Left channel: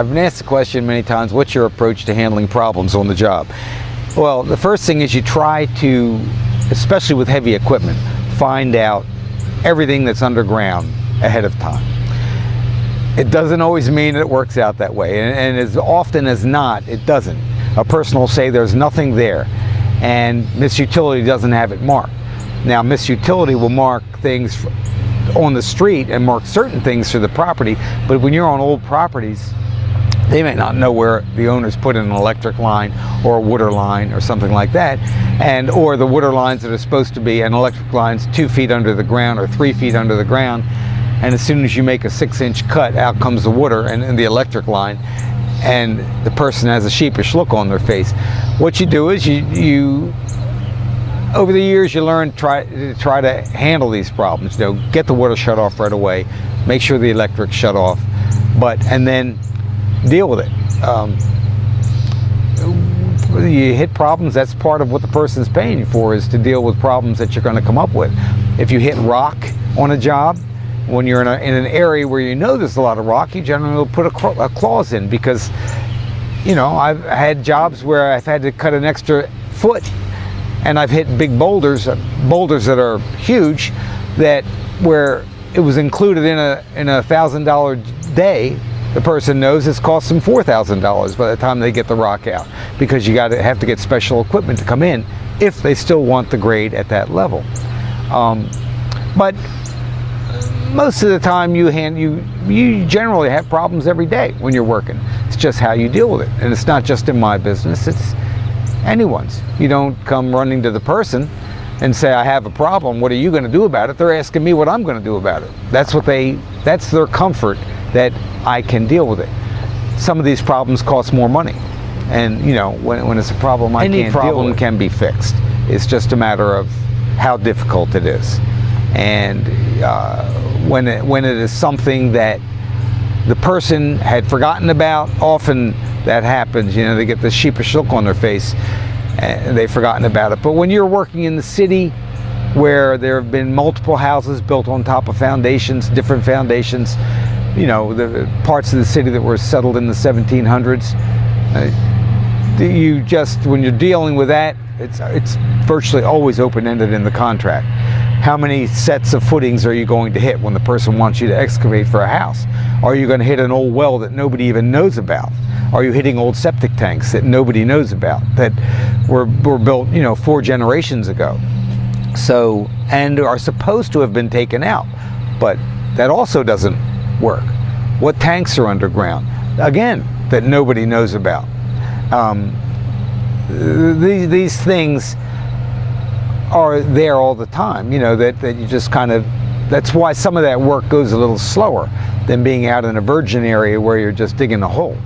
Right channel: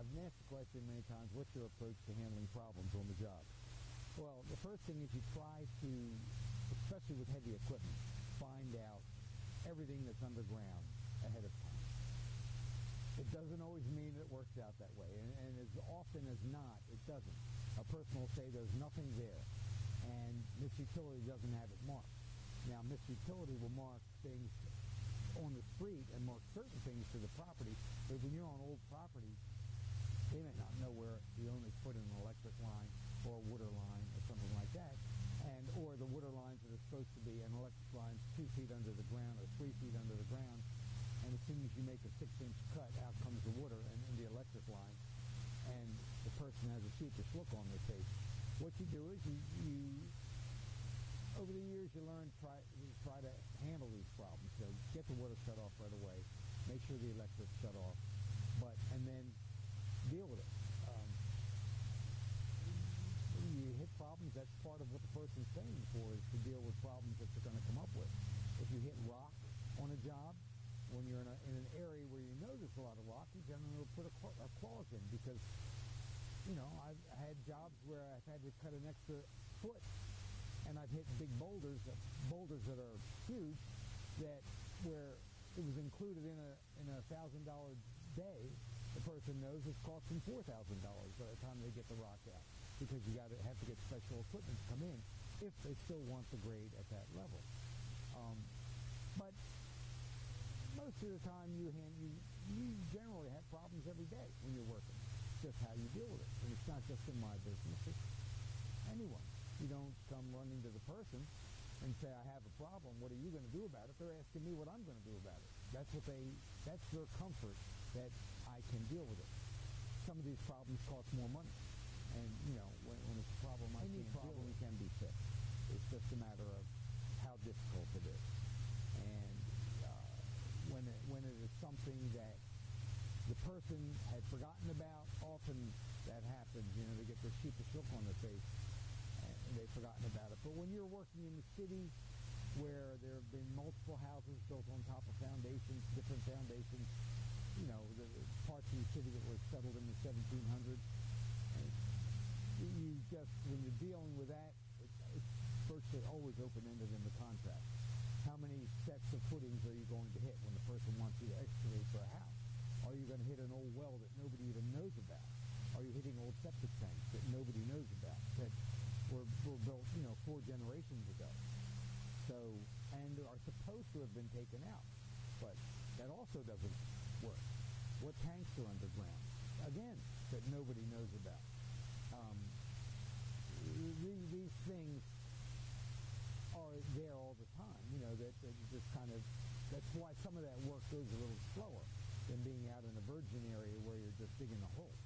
I've been asked the question many times, what's your approach to handling problems on the job? Well, the first thing is you try to, especially with heavy equipment, find out everything that's underground ahead of time. It doesn't always mean it works out that way, and as often as not, it doesn't. A person will say there's nothing there, and Miss Utility doesn't have it marked. Now, Miss Utility will mark things on the street and mark certain things for the property, but when you're on old properties, they may not know where the owners put in an electric line or a water line or something like that, or the water lines that are supposed to be, and electric lines 2 feet under the ground or 3 feet under the ground, and as soon as you make a 6-inch cut, out comes the water and the electric line, and the person has a sheepish look on their face. What you do is you over the years you learn try to handle these problems. You know, get the water shut off right away, make sure the electric's shut off, and then deal with it. You hit problems, that's part of what the person's paying you for, is to deal with problems that you're going to come up with. If you hit rock on a job, when you're in an area where you know there's a lot of rock, you generally will put a clause in, because, you know, I've had jobs where I've had to cut an extra foot, and I've hit big boulders that are huge, where it was included in a $1,000 day. The person knows it's cost them $4,000 by the time they get the rock out, because you have to get special equipment to come in if they still want the grade at that level. But most of the time you generally have problems every day when you're working. It's just how you deal with it, and it's not just in my business, it's anyone's. You don't come running to the person and say, I have a problem, what are you going to do about it? They're asking me what I'm going to do about it. That's their comfort, that I can deal with it. Some of these problems cost more money, and you know, when it's a problem any problem can be fixed. It's just a matter of how difficult it is, and when it is something that the person had forgotten about, often that happens. You know, they get this sheepish look on their face and they've forgotten about it. But when you're working in the city, where there have been multiple houses built on top of foundations, different foundations, you know, the parts of the city that were settled in the 1700s, when you're dealing with that, it's virtually always open-ended in the contract. How many sets of footings are you going to hit when the person wants you to excavate for a house? Are you going to hit an old well that nobody even knows about? Are you hitting old septic tanks that nobody knows about, that were built, you know, 4 generations ago? So, and are supposed to have been taken out, but that also doesn't work. What tanks are underground? Again, that nobody knows about. These things are there all the time, you know, that you just kind of, that's why some of that work goes a little slower than being out in a virgin area where you're just digging a hole.